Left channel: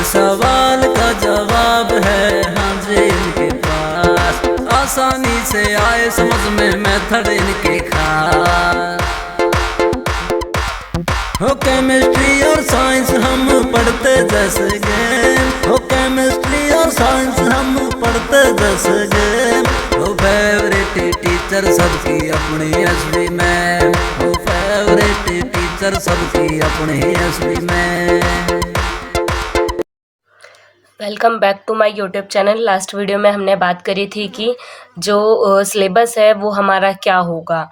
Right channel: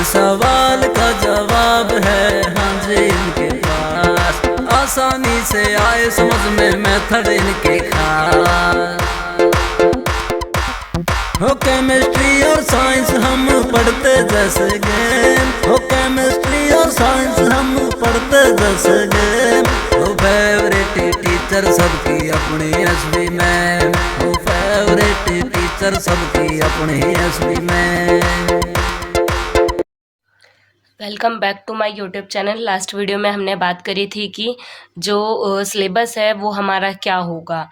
हर सवाल का जवाब है हाँ जी इनके पास। आसानी से आए समझ में मेथड इनके खास। हो केमिस्ट्री और साइंस हम पढ़ते जैसे गेम, हो केमिस्ट्री और साइंस हम पढ़ते जैसे गेम। हो फेवरेट टीचर सबकी अपनी एसवी मैम, हो फेवरेट टीचर सबकी अपनी SV ma'am. Welcome back to my YouTube channel. Last video में हमने बात करी थी कि जो सिलेबस है वो हमारा क्या होगा।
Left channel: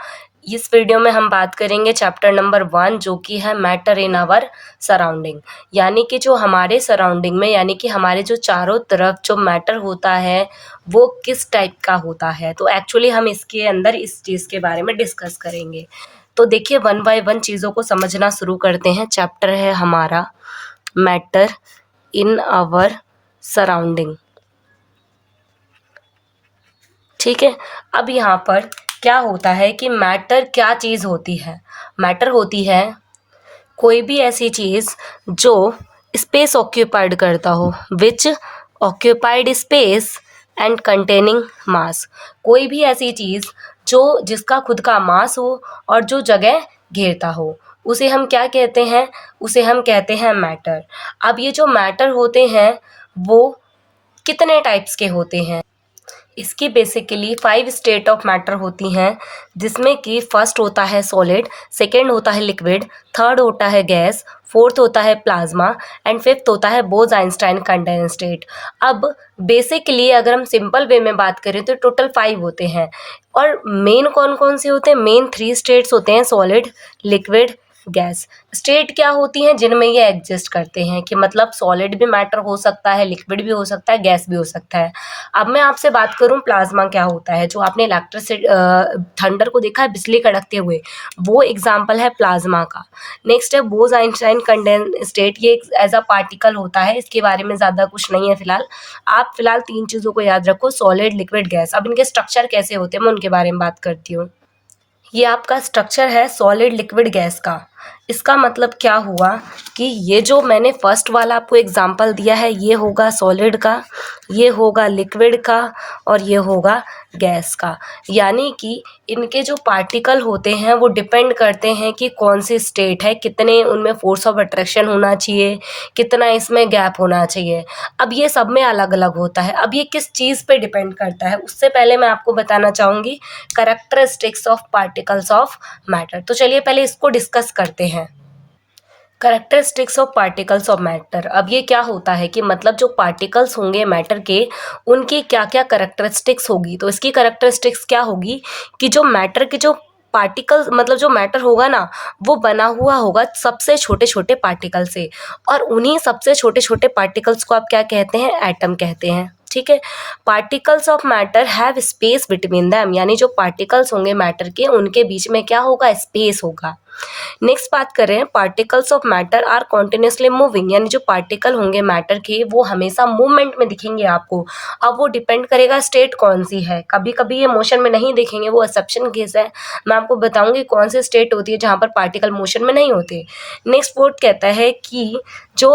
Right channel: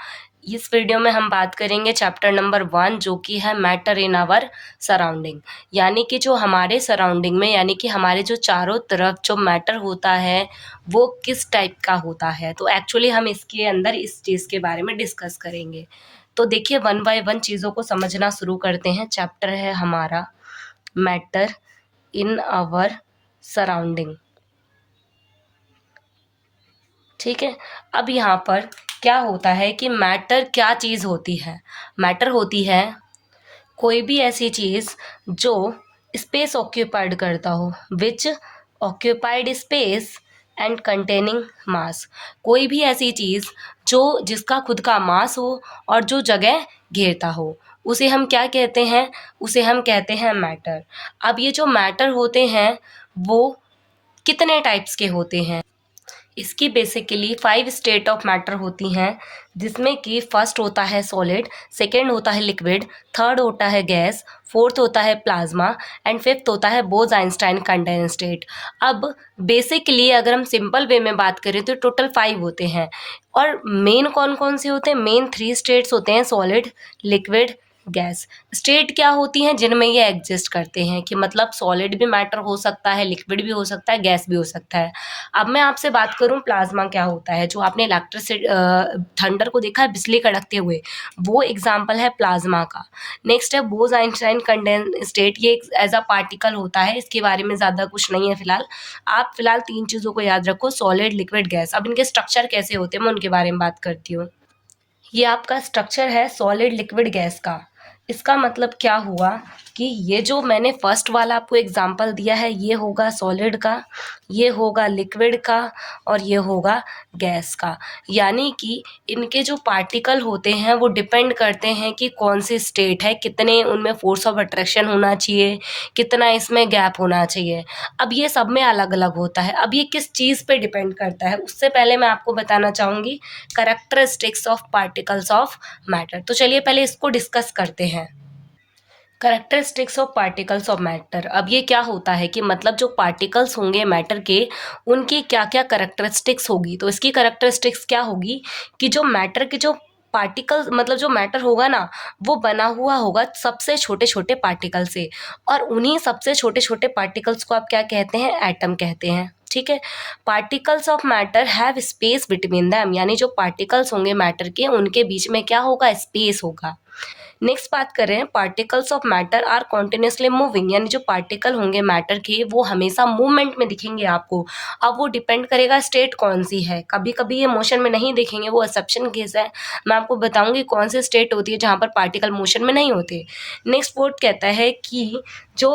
इस वीडियो में हम बात करेंगे चैप्टर नंबर 1 जो कि है मैटर इन आवर सराउंडिंग, यानी कि जो हमारे सराउंडिंग में यानी कि हमारे जो चारों तरफ जो मैटर होता है वो किस टाइप का होता है। तो एक्चुअली हम इसके अंदर इस चीज़ के बारे में डिस्कस करेंगे। तो देखिए 1 बाय 1 चीज़ों को समझना शुरू करते हैं। चैप्टर है हमारा मैटर इन आवर सराउंडिंग, ठीक है। अब यहाँ पर क्या होता है कि मैटर क्या चीज़ होती है। मैटर होती है कोई भी ऐसी चीज़ जो स्पेस ऑक्यूपाइड करता हो, विच ऑक्यूपाइड स्पेस एंड कंटेनिंग मास। कोई भी ऐसी चीज़ जो जिसका खुद का मास हो और जो जगह घेरता हो, उसे हम क्या कहते हैं, उसे हम कहते हैं मैटर। अब ये जो मैटर होते हैं वो कितने टाइप्स के होते हैं। इसकी बेसिकली 5 स्टेट ऑफ मैटर होती हैं, जिसमें कि फर्स्ट होता है सॉलिड, सेकंड होता है लिक्विड, थर्ड होता है गैस, फोर्थ होता है प्लाज्मा एंड फिफ्थ होता है बोज-आइंस्टाइन कंडेंसेट। अब बेसिकली अगर हम सिंपल वे में बात करें तो टोटल 5 होते हैं। और मेन कौन कौन से होते हैं, मेन 3 स्टेट्स होते हैं, सॉलिड, लिक्विड, गैस। स्टेट क्या होती हैं जिनमें ये एग्जिस्ट करते हैं, कि मतलब सॉलिड भी मैटर हो सकता है, लिक्विड भी हो सकता है, गैस भी हो सकता है। अब मैं आपसे बात करूं प्लाज्मा क्या होता है, जो आपने इलेक्ट्रिसिटी थंडर को देखा है बिजली कड़कते हुए, वो एग्जाम्पल है प्लाज्मा का। नेक्स्ट है बोज आइंस्टाइन कंडेंसेट, ये एज अ पार्टिकल होता है, इसके बारे में ज़्यादा कुछ नहीं है फिलहाल। आप फिलहाल 3 चीज़ों को याद रखो, सॉलिड, लिक्विड, गैस। अब इनके स्ट्रक्चर कैसे होते हैं मैं उनके बारे में बात करती हूँ। ये आपका स्ट्रक्चर है सॉलिड, लिक्विड, गैस का। इसका मतलब क्या हुआ कि ये जो मैंने फर्स्ट वाला आपको एग्जांपल दिया है ये होगा सॉलिड का, ये होगा लिक्विड का और ये होगा गैस का। यानी कि इनके जो पार्टिकल होते हैं वो डिपेंड करते हैं कि कौन सी स्टेट है, कितने उनमें फोर्स ऑफ अट्रैक्शन होना चाहिए, कितना इसमें गैप होना चाहिए। अब ये सब में अलग अलग होता है। अब ये किस चीज़ पे डिपेंड करता है, उससे पहले मैं आपको बताना चाहूँगी characteristics of particles of matter. तो चलिए पहले इसको डिस्कस करते हैं। Characteristics of particles of matter. अब ये क्या होता है कि मतलब जो पार्टिकल्स होंगे मैटर के, उनकी क्या क्या कैरेक्टरिस्टिक्स होगी। तो इसकी कैरेक्टरिस्टिक्स क्या होगी कि जो मैटर के जो पार्टिकल्स मतलब जो मैटर होगा ना वो बना हुआ होगा सबसे छोटे छोटे पार्टिकल से, और उन्हीं सबसे छोटे छोटे पार्टिकल्स को आप क्या कहते हैं, एटम कहते हैं, ठीक है। Particles of matter have space between them, यानी जो पार्टिकल्स होंगे मैटर के उनके बीच में क्या होगा, स्पेस होगा। नेक्स्ट बात कर रहे हैं particles of matter are continuously moving, यानी जो पार्टिकल होंगे मैटर के वो हमेशा मूवमेंट में दिखेंगे आपको। अब वो डिपेंड करेगा स्टेट कौन सी है, कभी कभी ये मोशन में नहीं दिखेंगे, वो एक्सेप्शन केस है। मैं आपको बताऊंगी कौन सी स्टेट होती है जहाँ पर पार्टिकल मोशन में नहीं होते। नेक्स्ट वर्ड कहता है कि जो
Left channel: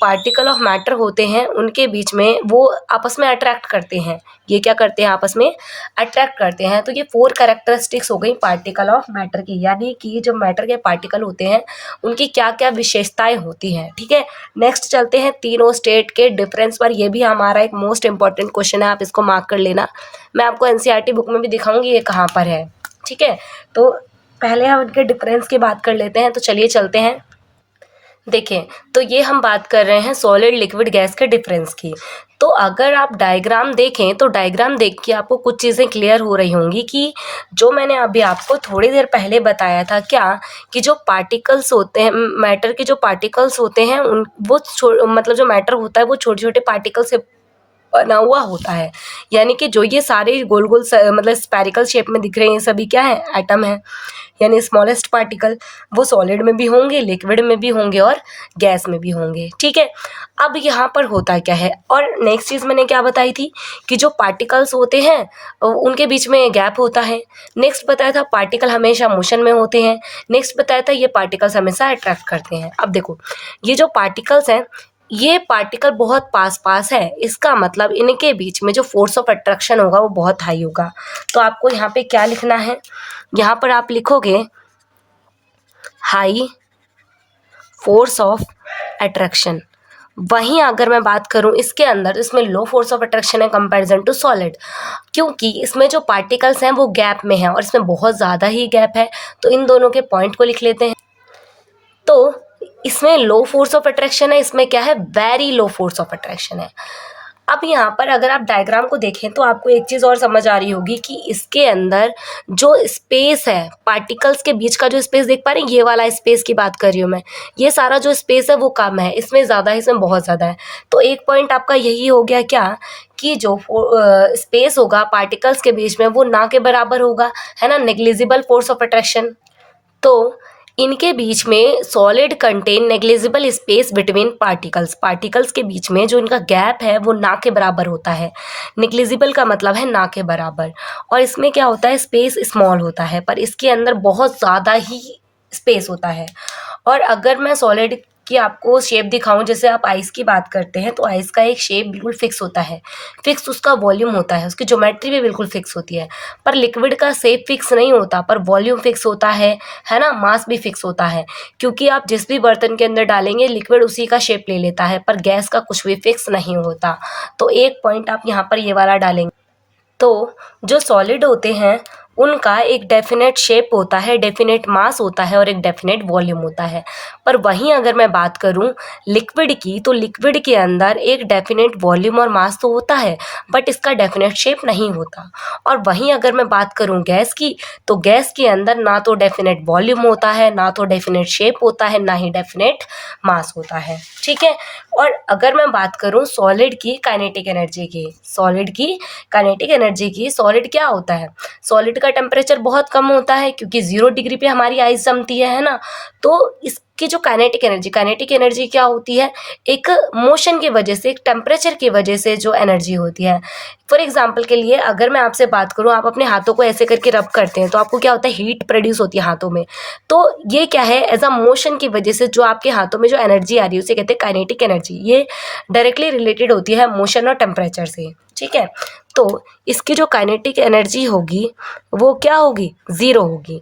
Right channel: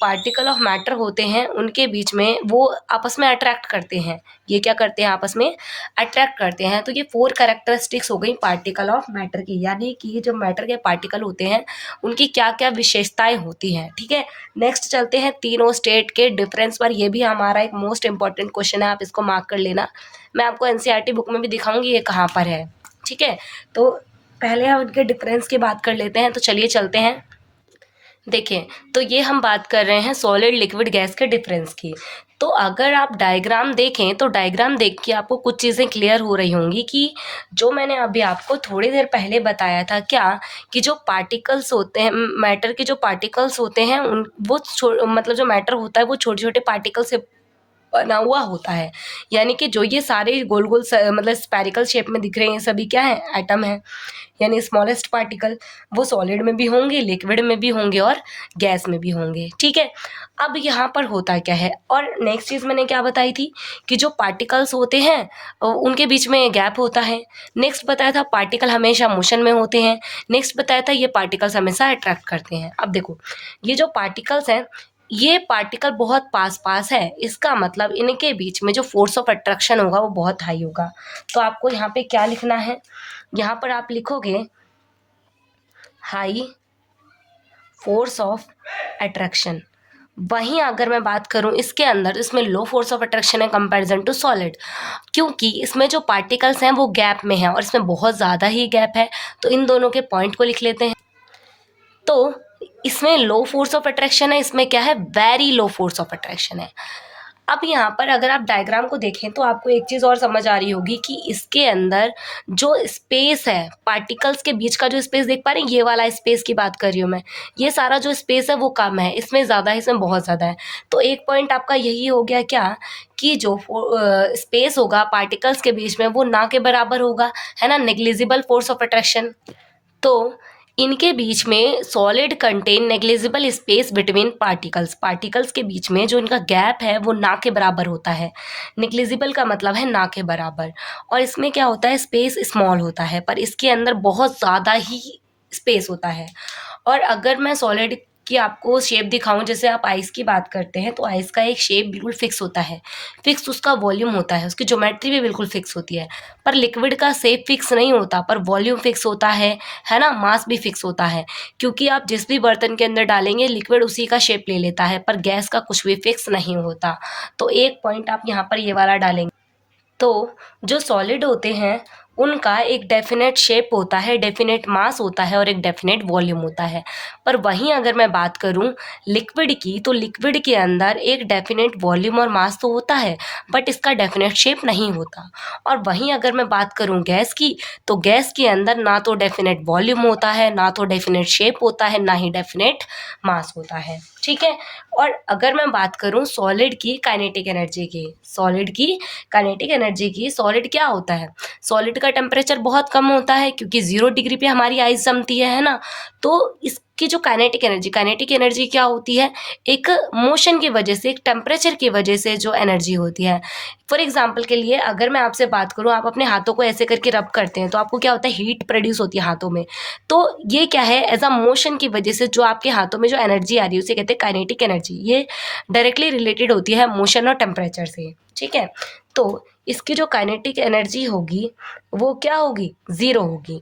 पार्टिकल ऑफ मैटर होते हैं उनके बीच में वो आपस में अट्रैक्ट करते हैं। ये क्या करते हैं, आपस में अट्रैक्ट करते हैं। तो ये 4 कैरेक्टरिस्टिक्स हो गई पार्टिकल ऑफ मैटर की, यानी कि जो मैटर के पार्टिकल होते हैं उनकी क्या क्या विशेषताएं होती हैं, ठीक है। नेक्स्ट चलते हैं तीनों स्टेट के डिफरेंस पर। ये भी हमारा एक मोस्ट इंपॉर्टेंट क्वेश्चन है, आप इसको मार्क कर लेना। मैं आपको एनसीईआरटी बुक में भी दिखाऊंगी ये कहाँ पर है, ठीक है। तो पहले हम उनके डिफरेंस की बात कर लेते हैं। तो चलिए चलते हैं। देखिए तो ये हम बात कर रहे हैं सॉलिड, लिक्विड, गैस के डिफरेंस की। तो अगर आप डायग्राम देखें तो डायग्राम देख के आपको कुछ चीज़ें क्लियर हो रही होंगी कि जो मैंने अभी आपको थोड़ी देर पहले बताया था क्या, कि जो पार्टिकल्स होते हैं मैटर के, जो पार्टिकल्स होते हैं उन वो मतलब जो मैटर होता है वो छोटे छोटे पार्टिकल से बना हुआ होता है। यानी कि जो ये सारे गोल गोल मतलब स्पेरिकल शेप में दिख रहे हैं सभी क्या है, एटम है। यानी स्मॉलेस्ट पार्टिकल वो सॉलिड में भी होंगे, लिक्विड में भी होंगे और गैस में भी होंगे, ठीक है। अब यहाँ पर होता क्या है, और नेक्स्ट चीज़ मैंने क्या बताई थी कि जो पार्टिकल्स होते हैं उनके बीच में गैप होता है। नेक्स्ट बताया था पार्टिकल हमेशा मोशन में होते हैं। नेक्स्ट बताया था ये पार्टिकल्स हमेशा अट्रैक्ट करते हैं। अब देखो ये जो पार्टिकल्स हैं ये पार्टिकल बहुत पास पास है, इसका मतलब इनके बीच में जो फोर्स ऑफ अट्रैक्शन होगा वो बहुत हाई होगा। तो आपको यहाँ पे क्या लिखना है, यहाँ पर आप लिखोगे हाई फोर्स ऑफ अट्रैक्शन। वहीं अगर मैं बात करूं इसके अंदर, इसमें लो फोर्स ऑफ अट्रैक्शन है कंपैरिजन टू सॉलिड, क्योंकि इसमें जो पार्टिकल्स हैं वो गैप में हैं और इसमें बहुत ज़्यादा ही गैप है। तो इन दोनों के पॉइंट को लिख लेते हैं। तो इसमें लो फोर्स ऑफ अट्रैक्शन है, इसमें क्या है, very low force of attraction है। अब यहाँ पर अगर आप डायग्राम को देखें तो आपको एक चीज़ और समझ आ रही होगी कि इसके अंदर जो स्पेस है, पार्टिकल्स के बीच का जो स्पेस देख पा रहे हैं, ये वाला स्पेस की बात कर रही हूँ मैं, ये सारा जो स्पेस है वो कम है, इसमें ज़्यादा है, इसमें बहुत ज़्यादा है। तो एक पॉइंट आपका यही हो गया क्या, कि जो स्पेस होगा पार्टिकल्स के बीच में वो ना के बराबर होगा, है ना, नेग्लिजिबल फोर्स ऑफ अट्रैक्शन। तो इनके बीच में solid contain negligible space between particles, particles के बीच में जो इनका गैप है वो ना के बराबर होता है। नेग्लिजिबल का मतलब है ना के बराबर, और इसमें क्या होता है, स्पेस स्मॉल होता है, पर इसके अंदर बहुत ज़्यादा ही स्पेस होता है। और अगर मैं सॉलिड की आपको शेप दिखाऊं, जैसे आप आइस की बात करते हैं तो आइस का एक शेप बिल्कुल फिक्स होता है, फिक्स उसका वॉल्यूम होता है, उसकी ज्योमेट्री भी बिल्कुल फिक्स होती है। पर लिक्विड का शेप फिक्स नहीं होता, पर वॉल्यूम फिक्स होता है ना, मास भी फिक्स होता है, क्योंकि आप जिस भी बर्तन के अंदर डालेंगे लिक्विड उसी का शेप ले लेता है, पर गैस का कुछ भी फिक्स नहीं होता। तो एक पॉइंट आप यहाँ पर ये वाला डालेंगे। तो जो सॉलिड होते हैं उनका एक डेफिनेट शेप होता है, डेफिनेट मास होता है और एक डेफिनेट वॉल्यूम होता है। पर वहीं अगर मैं बात करूं लिक्विड की, तो लिक्विड के अंदर एक डेफिनेट वॉल्यूम और मास तो होता है, बट इसका डेफिनेट शेप नहीं होता। और वहीं अगर मैं बात करूं गैस की, तो गैस के अंदर ना तो डेफिनेट वॉल्यूम होता है, ना तो डेफिनेट शेप होता है, ना ही डेफिनेट मास होता है। ठीक है। और अगर मैं बात करूं सॉलिड की काइनेटिक एनर्जी की, सॉलिड की काइनेटिक एनर्जी की, सॉलिड क्या होता है, सॉलिड का टेम्परेचर बहुत कम होता है क्योंकि 0 डिग्री पे हमारी आइस जमती है ना। तो इसकी जो काइनेटिक एनर्जी क्या होती है, एक मोशन की वजह से, एक टेम्परेचर की वजह से जो एनर्जी होती है। फॉर एग्जाम्पल के लिए अगर मैं आपसे बात करूँ, आप अपने हाथों को ऐसे करके रब करते हैं तो आपको क्या होता है, हीट प्रोड्यूस होती है हाथों में। तो ये क्या है, एज अ मोशन की वजह से जो आपके हाथों में जो एनर्जी आ रही है उसे कहते हैं काइनेटिक एनर्जी। ये डायरेक्टली रिलेटेड होती है मोशन और टेम्परेचर से। ठीक है। तो इसकी जो काइनेटिक एनर्जी होगी वो क्या होगी, 0 होगी,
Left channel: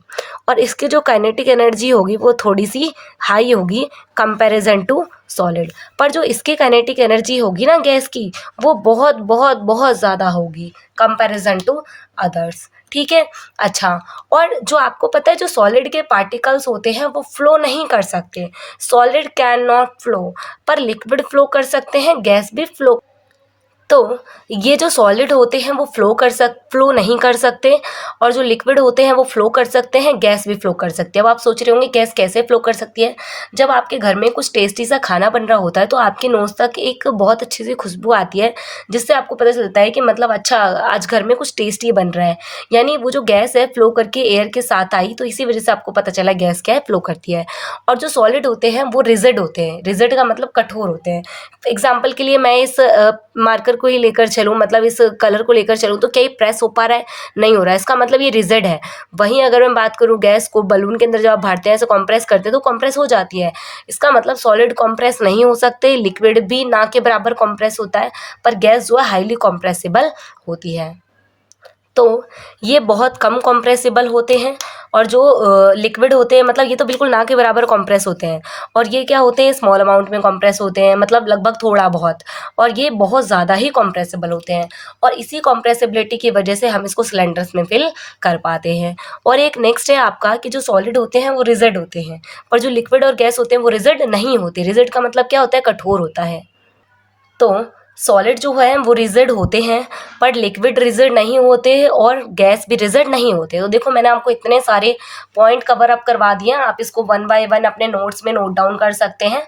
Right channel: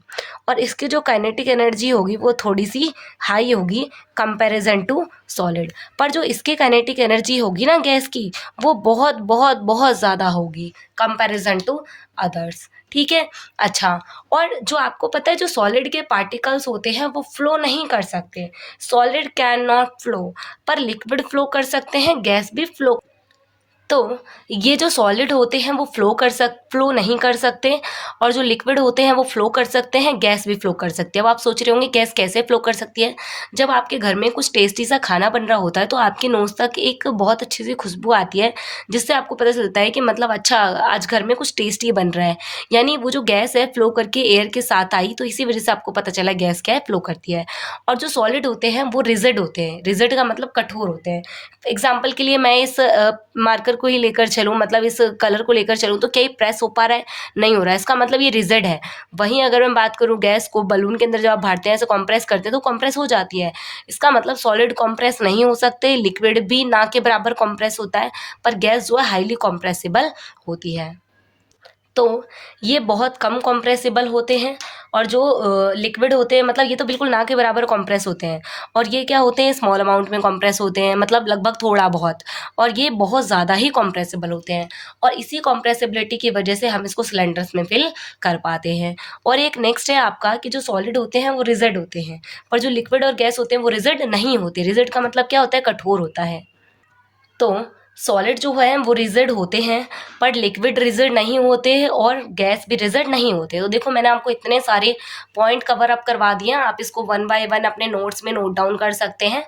और इसकी जो काइनेटिक एनर्जी होगी वो थोड़ी सी हाई होगी कंपैरिजन टू सॉलिड। पर जो इसकी काइनेटिक एनर्जी होगी ना गैस की, वो बहुत बहुत बहुत ज़्यादा होगी कंपैरिजन टू अदर्स। ठीक है। अच्छा, और जो आपको पता है जो सॉलिड के पार्टिकल्स होते हैं वो फ्लो नहीं कर सकते, सॉलिड कैन नॉट फ्लो, पर लिक्विड फ्लो कर सकते हैं, गैस भी फ्लो। तो ये जो सॉलिड होते हैं वो फ्लो नहीं कर सकते, और जो लिक्विड होते हैं वो फ्लो कर सकते हैं, गैस भी फ्लो कर सकती है। अब आप सोच रहे होंगे गैस कैसे फ्लो कर सकती है, जब आपके घर में कुछ टेस्टी सा खाना बन रहा होता है तो आपके नोज़ तक एक बहुत अच्छी सी खुशबू आती है, जिससे आपको पता चलता है कि मतलब अच्छा आज घर में कुछ टेस्टी बन रहा है, यानी वो जो गैस है फ्लो करके एयर के साथ आई, तो इसी वजह से आपको पता चला गैस क्या है, फ्लो करती है। और जो सॉलिड होते हैं वो रिजिड होते हैं, रिजिड का मतलब कठोर होते हैं। एग्जाम्पल के लिए मैं इस मार्कर को ही लेकर चलूँ, मतलब इस कलर को लेकर चलूँ, तो क्या ये प्रेस हो पा रहा है, नहीं हो रहा है, इसका मतलब ये रिजिड है। वहीं अगर मैं बात करूँ गैस को, बलून के अंदर जब आप भरते हैं ऐसे कॉम्प्रेस करते हैं तो कॉम्प्रेस हो जाती है, इसका मतलब सॉलिड कॉम्प्रेस नहीं हो सकते, लिक्विड भी ना के बराबर कॉम्प्रेस होता है, पर गैस जो है हाईली कॉम्प्रेसिबल होती है। तो ये बहुत कम कॉम्प्रेसिबल होते हैं, और जो लिक्विड होते हैं मतलब ये तो बिल्कुल ना के बराबर कॉम्प्रेस होते हैं, और ये क्या होते हैं, स्मॉल अमाउंट में कॉम्प्रेस होते हैं, मतलब लगभग थोड़ा बहुत, और ये बहुत ज़्यादा ही कॉम्प्रेसिबल होते हैं, और इसी कॉम्प्रेसिबिलिटी की वजह से हम इसको सिलेंडर्स में फिल कर पाते हैं। और एक नेक्स्ट है आपका कि जो सॉलिड होते हैं वो रिजिड होते हैं, पर जो लिक्विड और गैस होते हैं वो रिजिड नहीं होते। रिजिड का मतलब क्या होता है, कठोर होता है। तो सॉलिड जो है वो रिजिड होते हैं, पर लिक्विड रिजिड नहीं होते और गैस भी रिजिड नहीं होते। तो देखो मैंने आपको इतने सारे पॉइंट कवर अप करवा दिए हैं, आप इसको 1 बाय 1 अपने नोट्स में नोट डाउन कर सकते हैं।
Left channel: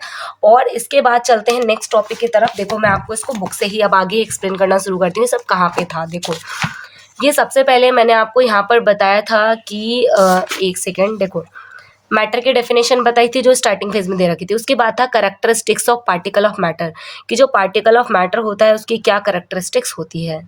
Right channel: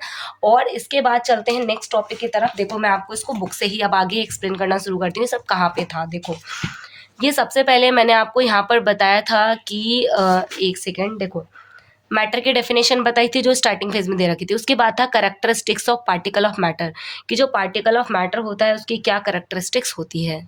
और इसके बाद चलते हैं नेक्स्ट टॉपिक की तरफ। देखो मैं आपको इसको बुक से ही अब आगे एक्सप्लेन करना शुरू करती हूँ, सब कहाँ पे था। देखो ये सबसे पहले मैंने आपको यहाँ पर बताया था कि एक सेकेंड, देखो मैटर की डेफिनेशन बताई थी जो स्टार्टिंग फेज में दे रखी थी। उसके बाद था characteristics of particle of matter, कि जो पार्टिकल ऑफ मैटर होता है उसकी क्या कैरेक्टरिस्टिक्स होती है।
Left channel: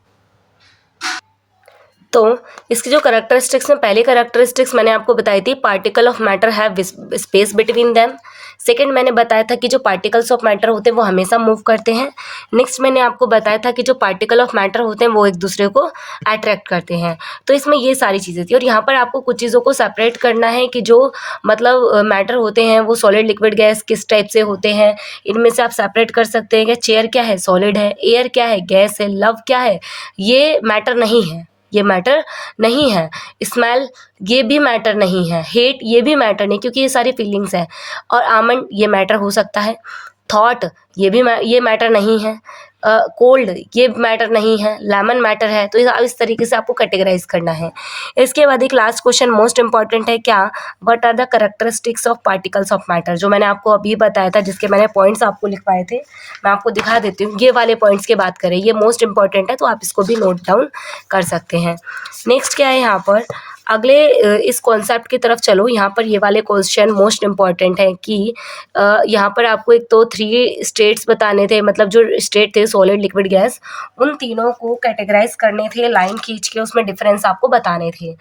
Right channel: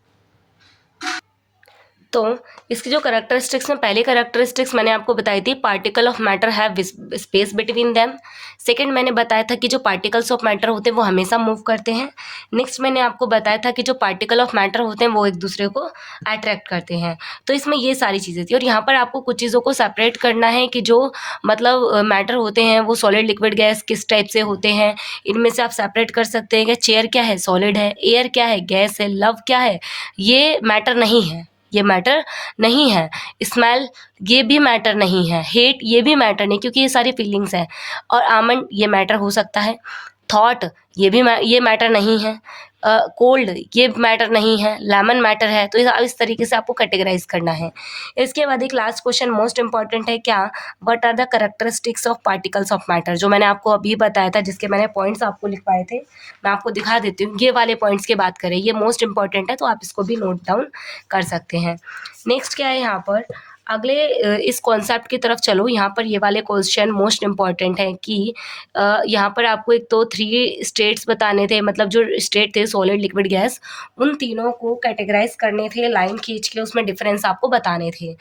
तो इसकी जो करैक्टरिस्टिक्स में पहली करैक्टरिस्टिक्स मैंने आपको बताई थी, particle of matter have space between them. Second मैंने बताया था कि जो पार्टिकल्स ऑफ मैटर होते हैं वो हमेशा मूव करते हैं। नेक्स्ट मैंने आपको बताया था कि जो पार्टिकल ऑफ मैटर होते हैं वो एक दूसरे को अट्रैक्ट करते हैं। तो इसमें ये सारी चीज़ें थी, और यहाँ पर आपको कुछ चीज़ों को सेपरेट करना है कि जो मतलब मैटर होते हैं वो सॉलिड, लिक्विड, गैस किस टाइप से होते हैं। इनमें से आप सेपरेट कर सकते हैं कि चेयर क्या है, सॉलिड है, एयर क्या है, गैस है, लव क्या है, ये मैटर नहीं है, ये मैटर नहीं है। स्मेल ये भी मैटर नहीं है। हेट ये भी मैटर नहीं, क्योंकि ये सारी फीलिंग्स है। और आमंड ये मैटर हो सकता है। थॉट ये मैटर नहीं है। कोल्ड ये मैटर नहीं है। लेमन मैटर है। तो इस तरीके से आपको कैटेगराइज करना है। इसके बाद एक लास्ट क्वेश्चन मोस्ट इंपॉर्टेंट है, क्या what are the characteristics of particles of matter, जो मैंने आपको अभी बताया था, जिसके मैंने पॉइंट्स आपको लिखवाए थे। मैं आपको दिखा देती हूँ, ये वाले पॉइंट्स की बात करें, ये मोस्ट इंपॉर्टेंट है, तो आप इसको भी नोट डाउन कर सकते हैं। नेक्स्ट क्या है यहाँ पर, अगले इस कॉन्सेप्ट की तरफ चलो। यहाँ पर ये वाले क्वेश्चन मोस्ट इम्पॉर्टेंट है कि यहाँ पर आपको एक तो 3 स्टेट्स बताने थे, मतलब जो स्टेट थे सॉलिड, लिक्विड, गैस, उन तीनों को कैटेगराइज करने थे, लाइन खींच के उसमें डिफरेंस आपको बताने थे।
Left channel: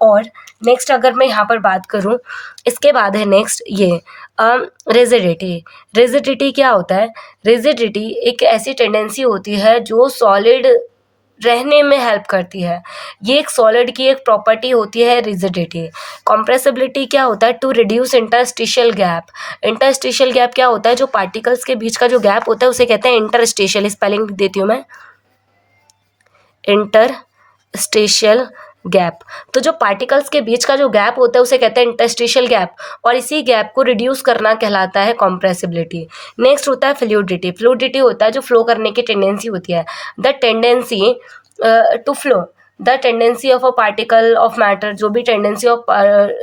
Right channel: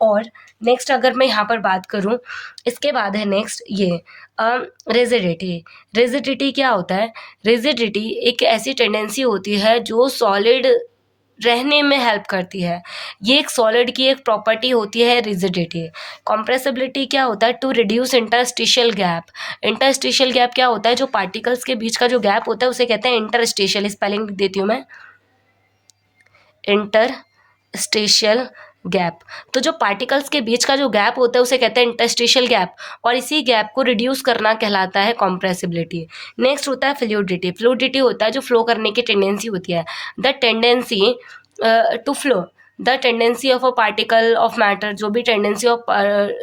और नेक्स्ट अगर मैं यहाँ पर बात करूँ, इसके बाद है नेक्स्ट ये रिजिडिटी। रिजिडिटी क्या होता है? रिजिडिटी एक ऐसी टेंडेंसी होती है जो सॉलिड रहने में हेल्प करती है। ये एक सॉलिड की एक प्रॉपर्टी होती है रिजिडिटी। कॉम्प्रेसिबिलिटी क्या होता है? To reduce interstitial gap. Interstitial gap क्या होता है? जो पार्टिकल्स के बीच का जो गैप होता है उसे कहते हैं इंटरस्टिशियल। स्पेलिंग देती हूँ मैं, इंटरस्टिशियल गैप। तो जो पार्टिकल्स के बीच का जो गैप होता है उसे कहते हैं इंटरस्टिशियल गैप, और इसी गैप को रिड्यूस करना कहलाता है कॉम्प्रेसिबिलिटी। नेक्स्ट होता है फ्लूइडिटी। फ्लूइडिटी होता है जो फ्लो करने की टेंडेंसी होती है, the tendency to flow, the tendency of a particle of matter, जो भी टेंडेंसी ऑफ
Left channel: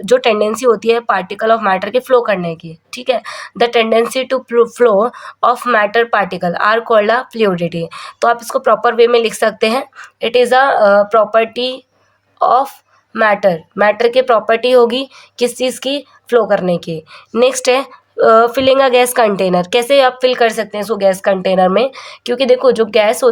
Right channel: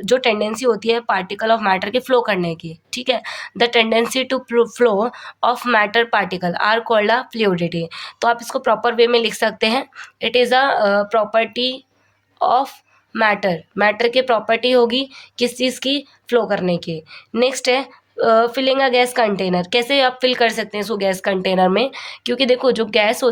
जो टेंडेंसी होती है पार्टिकल ऑफ मैटर के फ्लो करने की, ठीक है, the tendency to flow of matter particle are called a fluidity. तो आप इसको प्रॉपर वे में लिख सकते हैं, it is a property of matter. Matter की प्रॉपर्टी होगी किस चीज़ की? फ्लो करने की। नेक्स्ट है फिलिंग अ गैस कंटेनर। कैसे आप फिल कर सकते हैं इसको गैस कंटेनर में? क्योंकि देखो जो गैस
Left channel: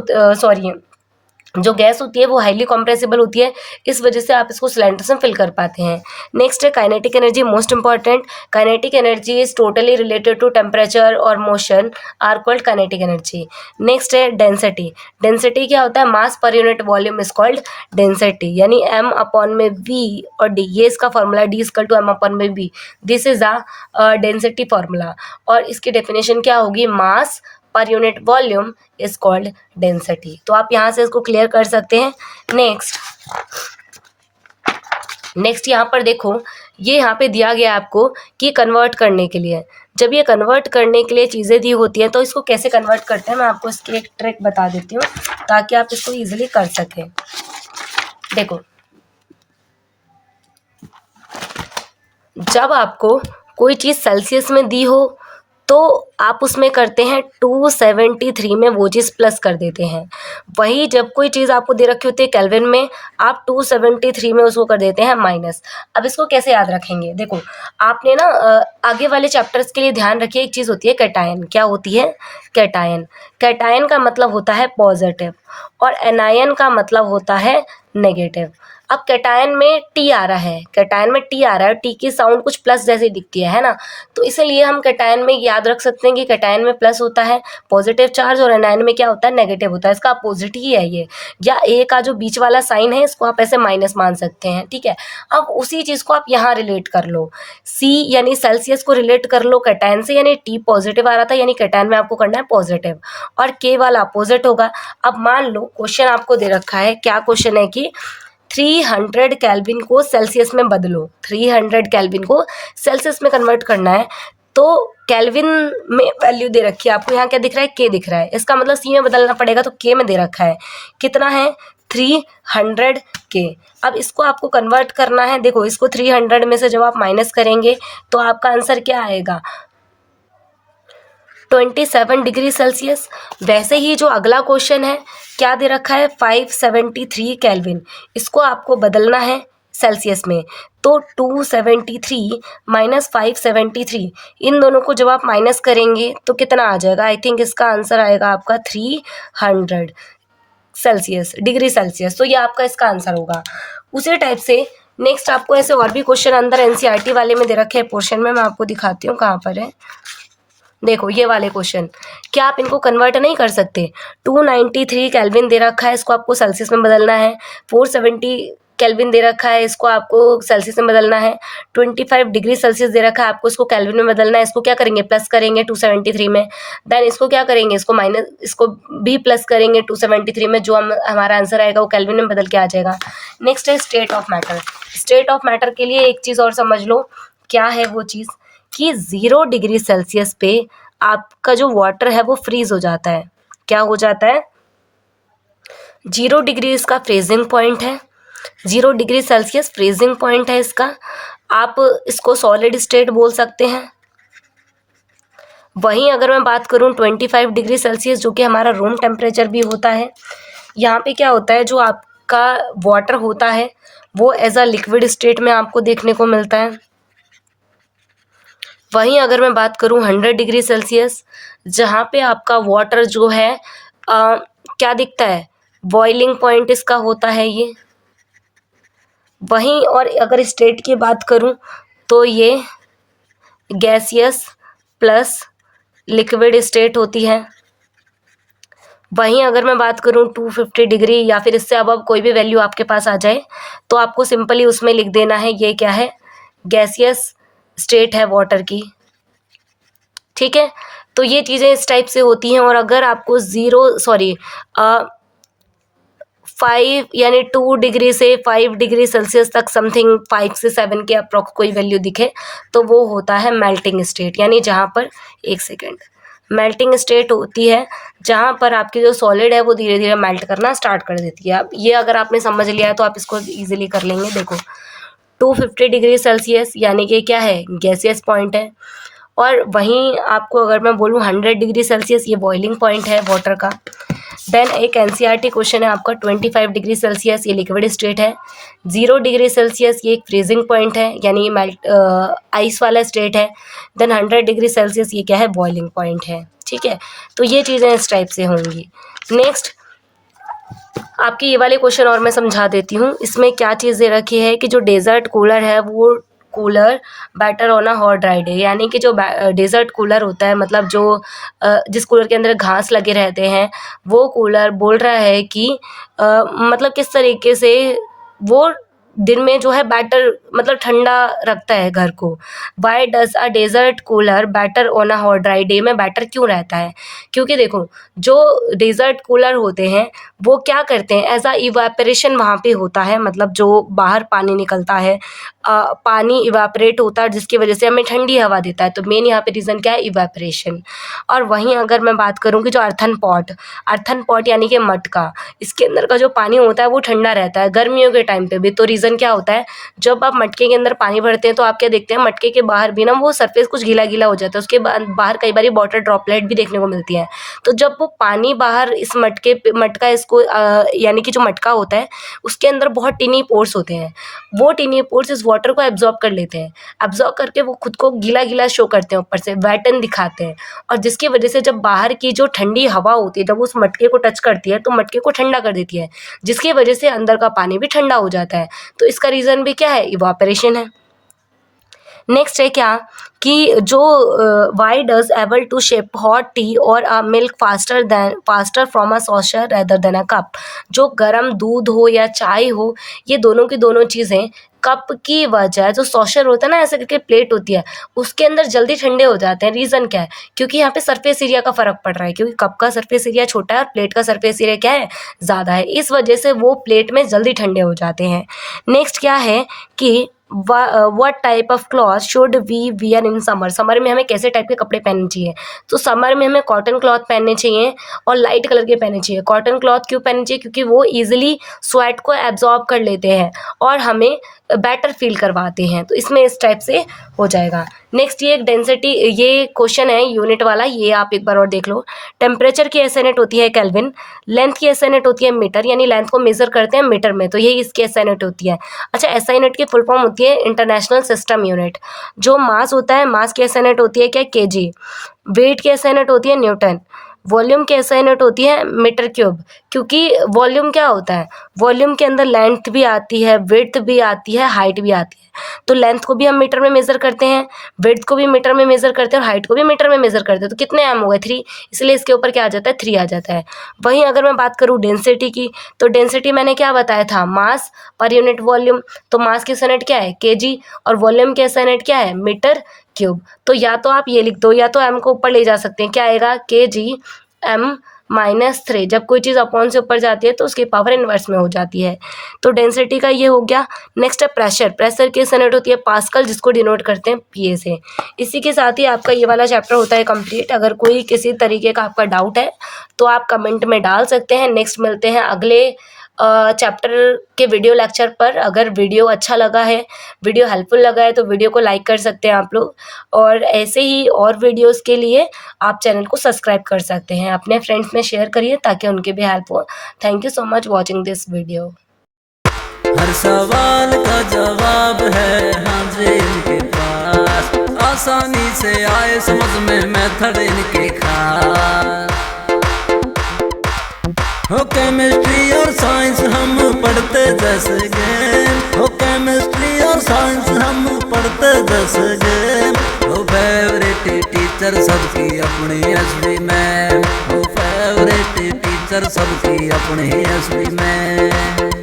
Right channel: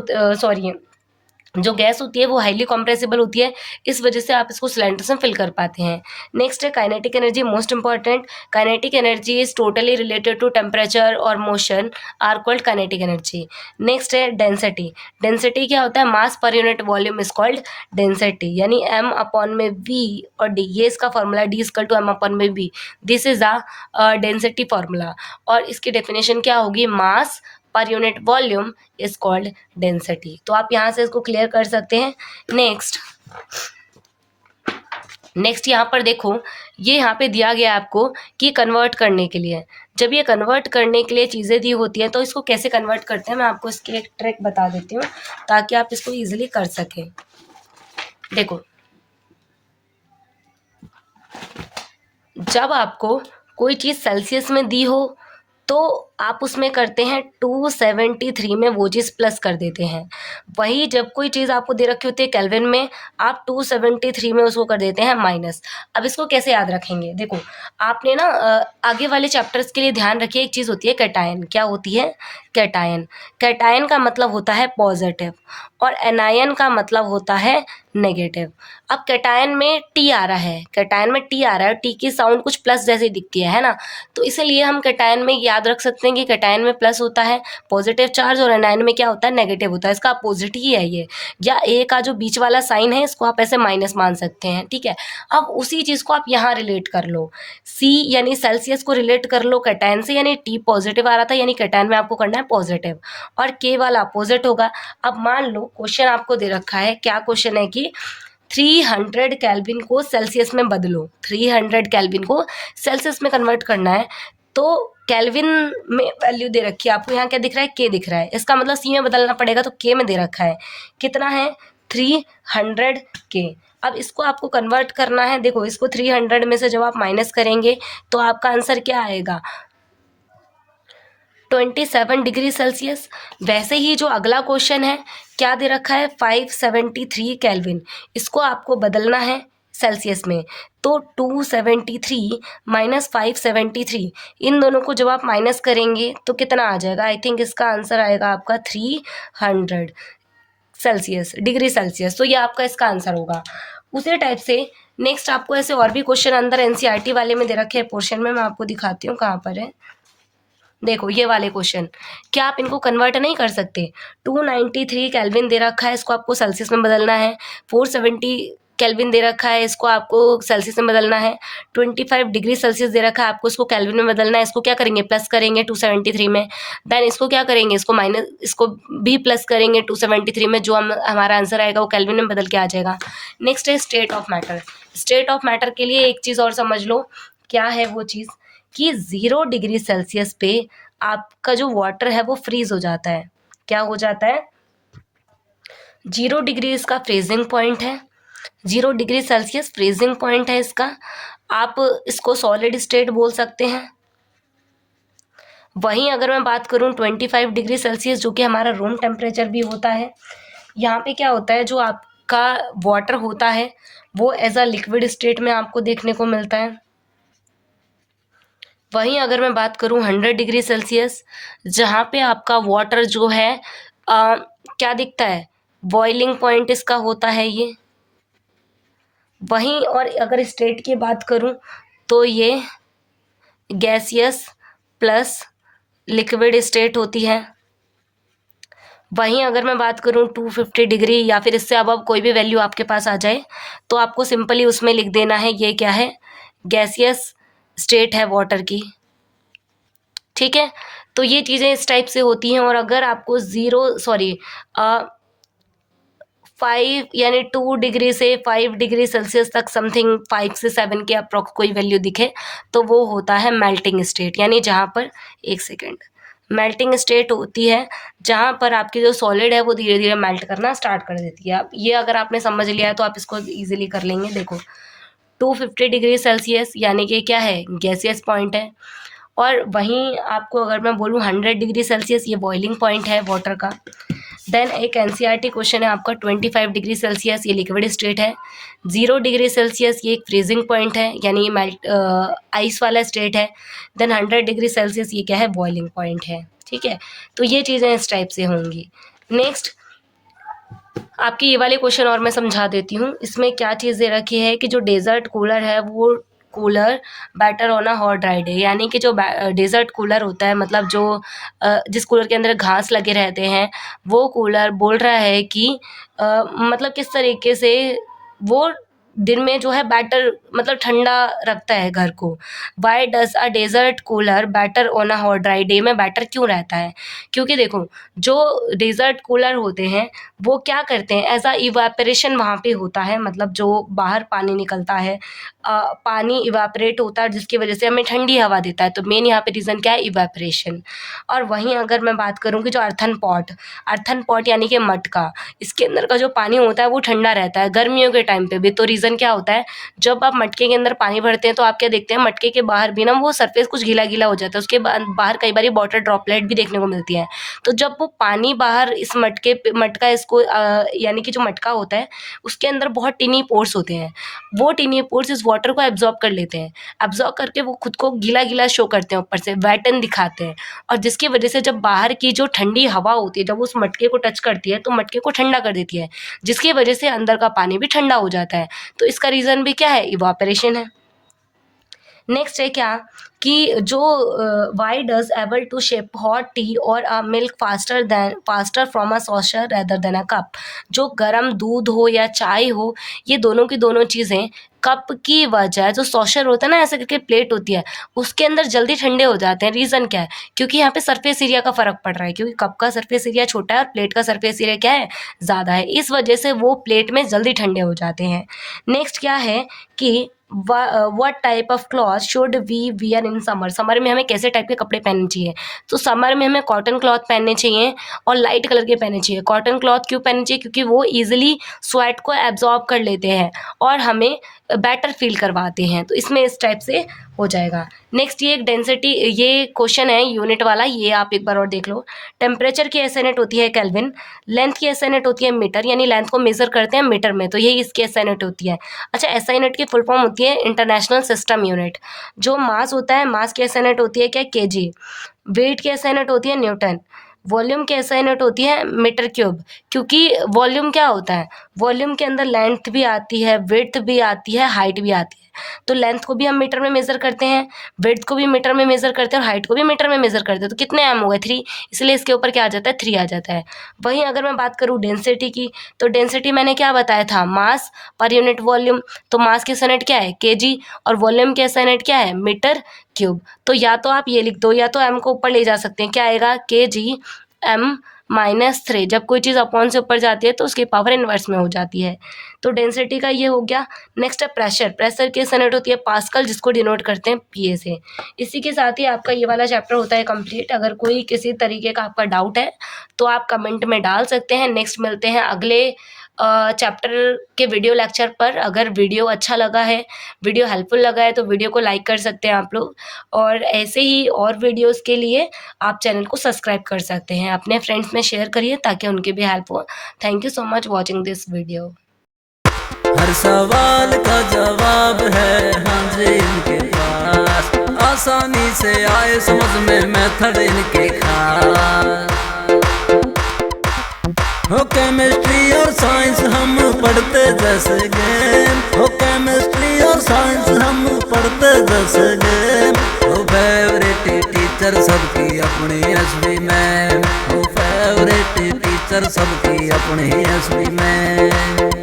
जो गैस होती है वो हाईली कंप्रेसिबल होती है, इस वजह से आप इसको सिलेंडर्स में फिल कर पाते हैं। नेक्स्ट है kinetic energy, most important. Kinetic energy is totally related to temperature और motion, are called kinetic energy. Next है डेंसिटी। डेंसिटी क्या होता है? Mass per unit volume is called density, यानी m अपॉन में v और d, ये इसका formula, d equal to m upon में v, this is a density formula. और इसकी डेफिनेशन क्या होगी? Mass per unit volume is called density. तो आप यहाँ से इसको क्लियर कर सकते हैं। नेक्स्ट यहाँ पर देखो, ये यहाँ पे दिया गया आपको कि कन्वर्ट करने के लिए, जब ये कन्वर्ट करने के लिए चीज़ें दी होती है तो इसको कैसे कन्वर्ट करते हैं, मैं आपको इसकी एक ट्रिक बता देती हूँ ताकि आप इसको ईजिली कर सकें। देखो, जब आपको कोई चीज़ सेल्सियस में दी हो तो आप उसमें करते हैं 273 में वो चीज़ प्लस कर देते हैं। वही जब कोई चीज़ आपको दे रखी होती है केल्विन में, आप 273 में उसको कर देते हैं माइनस। अब इसको कैसे याद रखेंगे? देखो, आपने ना आगे वाले चैप्टर्स के लिए ध्यान रखिए, एक चीज़ होती है कैटायन। क्या होती है? कैटायन। कैटायन का मतलब होता है पॉजिटिव और एनायन का मतलब होता है नेगेटिव। अब कैटायन में टी आ रहा है, कैटायन में टी आ रहा है, टी की साउंड कुछ प्लस जैसी दिखती है ना, तो इसीलिए हम कैटायन में याद रख सकते हैं कि कैटायन में प्लस होता है पॉजिटिव चार्ज और एनायन में क्या होता है? नेगेटिव होता है। इसका अपोजिट ही है ये, या ए का जो बीच वाला साइन है इसको आप ऐसे माइनस मान सकते हैं, ठीक है। अब उसी चीज़ को आप यहाँ रिलेट कर लो, सी यानी सेल्सियस को रिलेट कर लो कैटायन से, यानी टी पॉजिटिव आ रहा था, यानी कैटायन में आपको करना है पॉजिटिव, और के वाला अपोजिट होगा। अब मान लो क्वेश्चन आपको दे रखा है, क्या क्वेश्चन है कि 300 केल्विन को सेल्सियस में बदलो, 300 केल्विन को सेल्सियस में कन्वर्ट करना है, तो केल्विन में वैल्यू दे रखी है आपको, यहाँ क्या दिख रहा है? के दिख रहा है, इसका मतलब सी में बदलना पड़ेगा, तो के में दे रखा है, कितना है? 300 के। अब इसको आपको कन्वर्ट करना है, देखो इसको 300 में से जब आप माइनस करेंगे तो आपका आंसर क्या आएगा? 27 डिग्री सेल्सियस। वैसे ही जो अगला क्वेश्चन है, क्या दे रखा है? 573 केल्विन, इसको आपको बदलना है सेल्सियस में, तो 273 माइनस 573, इन दोनों को जब आप माइनस करेंगे तो कितना आ जाएगा? आई थिंक इसका आंसर आएगा आपका 300। Celsius, degree Celsius. तो ये आपका इसका आंसर होगा। उसी टाइप से नेक्स्ट आपको ऐसे और भी क्वेश्चन अंदर एनसीईआरटी वाले में दे रखे हैं पोर्शन में, मैं आपको दिखाती हूँ कहाँ पर है। देखो ये वाले क्वेश्चन, क्या आप इनको कन्वर्ट नहीं कर सकते? 293 केल्विन दे रखा है, इसको आपको सेल्सियस में बदलना है। 470 केल्विन दे रखा है, इसको आपको सेल्सियस में बदलना है। 25 डिग्री सेल्सियस दे रखा है, आपको इसको केल्विन में बदलना है। इसको क्या करेंगे? प्लस करेंगे 273 में। देन इसको क्या करेंगे? इसको माइनस, इसको भी प्लस करेंगे 273 में। जो हमारा आंसर आएगा वो केल्विन में बदल के आ जाएगा। नेक्स्ट है state of matter. State of matter के लिए एक चीज़ और समझ लो, क्या है वो चीज़ कि 0 डिग्री सेल्सियस पे आपका जो वाटर है वो फ्रीज हो जाता है। क्या हो जाता है? 0 डिग्री इसका फ्रीजिंग पॉइंट है। 0 डिग्री सेल्सियस फ्रीजिंग पॉइंट है इसका। आप इसको सॉलिड स्टेट बोल सकते हैं। वहीं अगर मैं बात करूं 25 डिग्री सेल्सियस, जो कि हमारा रूम टेम्परेचर भी होता है, यहाँ पे क्या होता है, जो आपका वाटर होता है वो एज अ लिक्विड स्टेट में आपको देखने को मिलता है। वहीं अगर मैं बात करूं 100 डिग्री सेल्सियस, जहाँ पे आपका वाटर जो है क्या दिखता है? बॉइलिंग पॉइंट इसका होता है ये। वहीं और अगर स्टेट की बात करूं तो ये गैसियस प्लस लिक्विड स्टेट होती है। वहीं अगर मैं बात करूं 250 डिग्री या फिर इससे अब कोई भी वैल्यू आपके पास आ जाए तो आपको सिंपली उसमें लिख देना है ये क्या है? गैसियस स्टेट है वाटर की। ठीक है, तो ये चीज़ें इस टाइप से होती हैं। और अगर आपको 5 यानी 2 डिग्री से 5 डिग्री सेल्सियस तक समथिंग 5 से 7 के अप्रॉक्स कोई वैल्यू दिखे तो वो होता है मेल्टिंग स्टेट। यानी जहाँ पर, एक सेकेंड, मेल्टिंग स्टेट होती है जहाँ पर आपकी जो सॉलिड है वो धीरे धीरे मेल्ट करना स्टार्ट कर देती है। अब ये अगर आपने समझ लिया है तो आप इसको ईजिली कर लेंगे। देखो 250 डिग्री सेल्सियस यानी कि क्या है? गैसियस पॉइंट है। और वहीं आपको अगर मैं बोलूँ 100 डिग्री सेल्सियस, ये बॉइलिंग पॉइंट है वाटर का। देन एक एनसीईआरटी क्वेश्चन है आपका 25 डिग्री सेल्सियस, ये लिक्विड स्टेट है। 0 डिग्री सेल्सियस ये एक फ्रीजिंग पॉइंट है, यानी ये मेल्ट आइस वाला स्टेट है। देन 100 डिग्री सेल्सियस ये क्या है? बॉइलिंग पॉइंट है। ठीक है, तो ये चीज़ें इस टाइप से होंगी। नेक्स्ट आपकी ये वाले क्वेश्चन और मैं समझा देती हूँ। इसमें क्या चीज़ दे रखी है कि जो डेजर्ट कूलर है वो cooler better on a hot dry day, यानी कि जो डेजर्ट कूलर होता है, मतलब जो जिस कूलर के अंदर घास लगे रहते हैं, वो कूलर बोल रहा है कि मतलब किस तरीके से वो दिन में जो है बैटर मतलब ठंडा रखता है घर को। Why does a desert cooler better on a hot dry day में बैटर क्यों रहता है? क्योंकि देखो जो डेजर्ट कूलर होते हैं वो क्या करते हैं, एज अ इवापोरेशन वहाँ पे होता है, मतलब जो बाहर पानी निकलता है, पानी इवापोरेट होता है जिसकी वजह से हमें ठंडी हवा देता है। तो मेन यहाँ पे रीज़न क्या है? इवापोरेशन। और वहीं अगर मैं बात करूँ कि जो अर्थन पॉट यानी कि मटका, इसके अंदर का जो पानी होता है वो ठंडा रहता है गर्मियों के टाइम पे भी। तो रीज़न क्या होता है? जब आप मटके के अंदर पानी भरते हैं तो आप क्या देखते हैं, मटके के बाहर भी ना वो सरफेस कुछ गीला गीला हो जाता है, उसके बाहर कई बार वाटर ड्रॉपलेट भी देखने को मिलती है। तो जब वो पानी बाहर इस मटका इसको यानी कि जो मटका होता है उसके अंदर बहुत टिनी पोर्स होते हैं, वो टिनी पोर्स इस वाटर को एब्जॉर्ब कर लेते हैं। एब्जॉर्ब करके वो खुद को गीला गीला शो करते हैं, ऊपर से वेटन दिखाते हैं। और जिसकी वजह से जब बाहर की जो ठंडी हवा होती है जब उस मटके को टच करती है तो मटके को ठंडा कर देती है, जिसकी वजह से अंदर का पानी भी ठंडा हो जाता है। तो इसका रीज़न भी क्या है? इवापोरेशन है। नेक्स्ट है क्या कि जो why does able to sip hot tea और a milk faster from a saucer rather than a cup. जो गर्म दूध हो या चाय हो, ये दोनों की दोनों चीज़ें कप की वजह, जो सॉशर होता है ना ऐसे करके प्लेट होती है, उसके अंदर जल्दी ठंडे हो जाते हैं। रीज़न क्या है? क्योंकि यहाँ पे सरफेस एरिया का फ़र्क पड़ रहा है, क्योंकि कप का सरफेस एरिया छोटा है और प्लेट का सरफेस एरिया क्या है? ज़्यादा है। इस वजह से वो प्लेट में जल्दी ठंडे हो जाते हैं। नेक्स्ट क्या है कि what type of cloth should we wear in summer. Summer में हमें कैसे टाइप के कपड़े पहनने चाहिए? तो समर में हमें कॉटन क्लॉथ पहनने चाहिए और लाइट कलर के पहनने चाहिए। कॉटन क्लॉथ क्यों पहनने चाहिए? क्योंकि वो ईजिली स्वेट को एब्जॉर्ब कर लेते हैं और हमें बेटर फील करवाते हैं। तो इसमें इस टाइप से हो जाएगा। नेक्स्ट ये एक डेंसिटी, ये क्वेश्चन है यूनिट वाला, ये आप एक बार और देख लो। टेम्परेचर की एसआई यूनिट होती है केल्विन, लेंथ की एसआई यूनिट होती है मीटर, यानी लेंथ को मेजर करते हैं मीटर में, तो यही इसकी एसआई यूनिट होती है। अच्छा, एसआई यूनिट की फुल फॉर्म होती है इंटरनेशनल सिस्टम यूनिट। जो मास होता है, मास की एसआई यूनिट होती है क्या? केजी। वेट की एसआई यूनिट होती है न्यूटन। वॉल्यूम की SI यूनिट होती है मीटर क्यूब, क्योंकि वॉल्यूम क्या होता है, वॉल्यूम के अंदर लेंथ भी आती है, विड्थ भी आती है, हाइट भी आती है। तो लेंथ को भी हम मीटर में मेज़र करते हैं, विड्थ को भी मीटर में मेज़र करते हैं और हाइट को भी मीटर में मेज़र करते हैं। तो कितने m हो गए 3, इसलिए इसके ऊपर क्या आ जाता है 3 आ जाता है। वहीं अगर मैं बात करूँ डेंसिटी की, तो डेंसिटी मैंने क्या बताया था, मास पर यूनिट वॉल्यूम। तो मास की SI यूनिट क्या है kg और वॉल्यूम की SI यूनिट क्या है मीटर क्यूब। तो या तो आप ये लिख दो या तो m को ऊपर ले जा सकते हैं, क्या आएगा kg m-3। जब कोई चीज़ अपॉन से ऊपर जाती है तो उसकी पावर इन्वर्स में हो जाती है। तो डेंसिटी का ये हो गया। नेक्स्ट है प्रेशर। प्रेशर की यूनिट होती है पास्कल, जिसको डिनोट करते हैं PA से। इसी के साथ ही आपका ये वाला चैप्टर होता है कंप्लीट। अगर कोई किसी तरीके का आपका डाउट है तो आप कमेंट में डाल सकते हैं। नेक्स्ट मिलते हैं अगले चैप्टर के वीडियो लेक्चर पर। अगर वीडियो अच्छा लगा है, वीडियो हेल्पफुल लगा है, तो वीडियो को लाइक कर सकते हैं आप लोग, और ऐसे ही और वीडियोस के लिए आप चैनल को सब्सक्राइब कर सकते हैं। अपने फ्रेंड्स में शेयर करिए ताकि उनके भी हेल्प हो। Thank you so much watching this video. हर सवाल का जवाब है हाँ जी इनके पास, आसानी से आए समझ में मेथड इनके खास। हो केमिस्ट्री और साइंस हम पढ़ते जैसे गेम, हो केमिस्ट्री और साइंस हम पढ़ते जैसे गेम। हो फेवरेट टीचर सबकी अपनी SV मैम, हो फेवरेट टीचर सबकी अपनी SV मैम।